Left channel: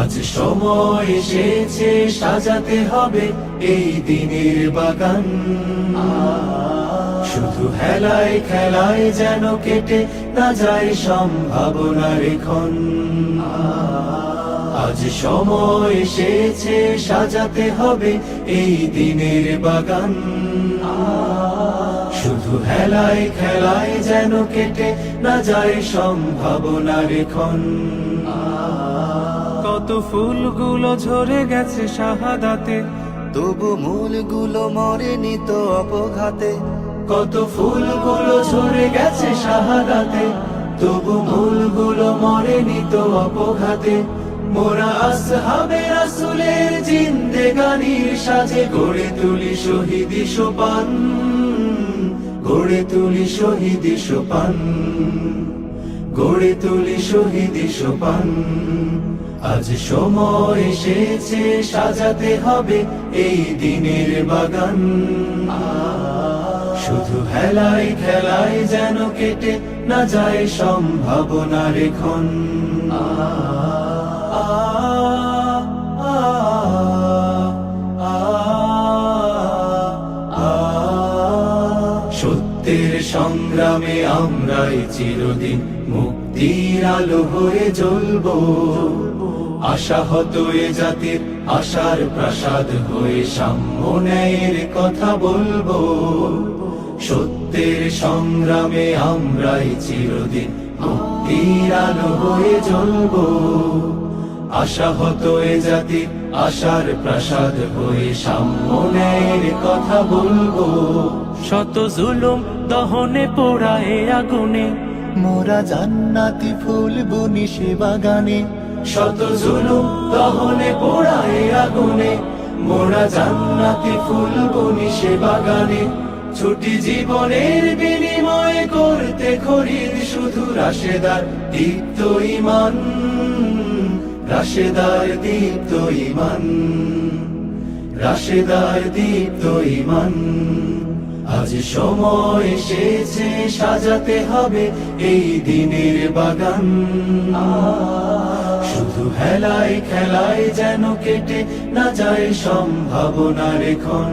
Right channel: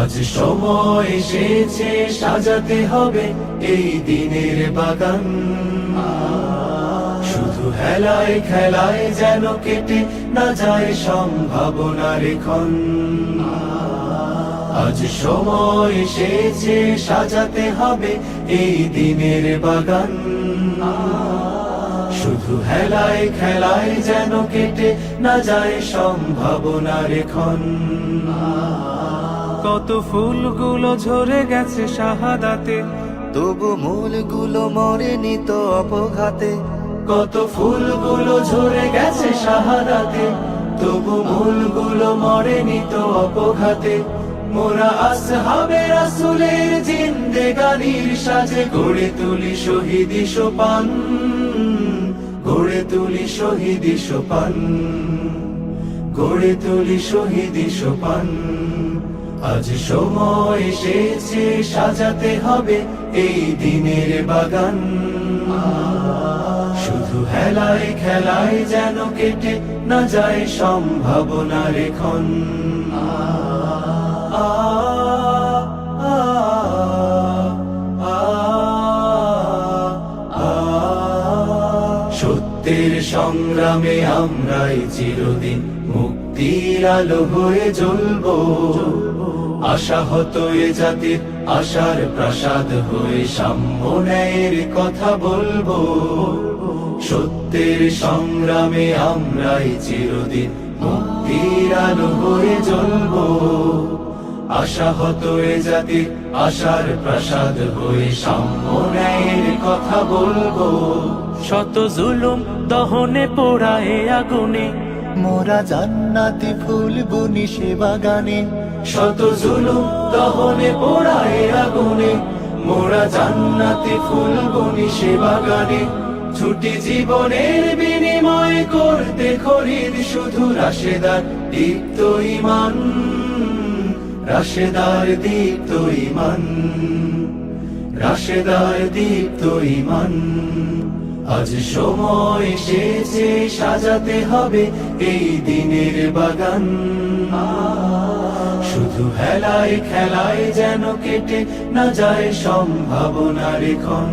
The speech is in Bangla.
আজ সময় এসেছে সাজাতে হবে এই দিনের বাগান। শুধু হেলায় খেলায় যেন কেটে না যায় সম্ভাবনার ক্ষণ। আজ সময় এসেছে সাজাতে হবে এই দিনের বাগান। শুধু হেলায় খেলায় যেন কেটে না যায় সম্ভাবনার ক্ষণ। কত ফুলগুলো ঝরে গেছে শাহাদাতে, তবু মূলগুলো মরেনি তো অপঘাতে। কত ফুলগুলো ঝরে গেছে শাহাদাতে, তবু মূলগুলো মরেনি তো অপঘাতে। মোরা আসহাবে রাসূলের জিন্দেগানির সাজে গড়ে তুলি শহীদি সোপান, গড়ে তুলি শহীদি সোপান, গড়ে তুলি শহীদি সোপান। আজ সময় এসেছে সাজাতে হবে এই দিনের বাগান। শুধু হেলায় খেলায় যেন কেটে না যায় সম্ভাবনার ক্ষণ। সত্যের সংগ্রামে আমরাই চিরদিন মুক্তির আলো হয়ে জ্বলবো। আশাহত এ জাতির আশার প্রাসাদ হয়ে সাম্য ন্যায়ের কথা বলবো। সত্যের সংগ্রামে আমরাই চিরদিন মুক্তির আলো হয়ে জ্বলবো। আশাহত এ জাতির আশার প্রাসাদ হয়ে সাম্য ন্যায়ের কথা বলবো। শত জুলুম দহনে পোড়ায় আগুনে, মোরা জান্নাতি ফুল বুনি সে বাগানে। শত জুলুম দহনে পোড়ায় আগুনে, মোরা জান্নাতি ফুল বুনি সে বাগানে। ছুটি জীবনের বিনিময় করতে খরিদ শুধু রাশেদার দীপ্ত ঈমান, রাশেদার দীপ্ত ঈমান, রাশেদার দীপ্ত ঈমান। আজ সময় এসেছে সাজাতে হবে এই দিনের বাগান। শুধু হেলায় খেলায় যেন কেটে না যায় সম্ভাবনার ক্ষণ।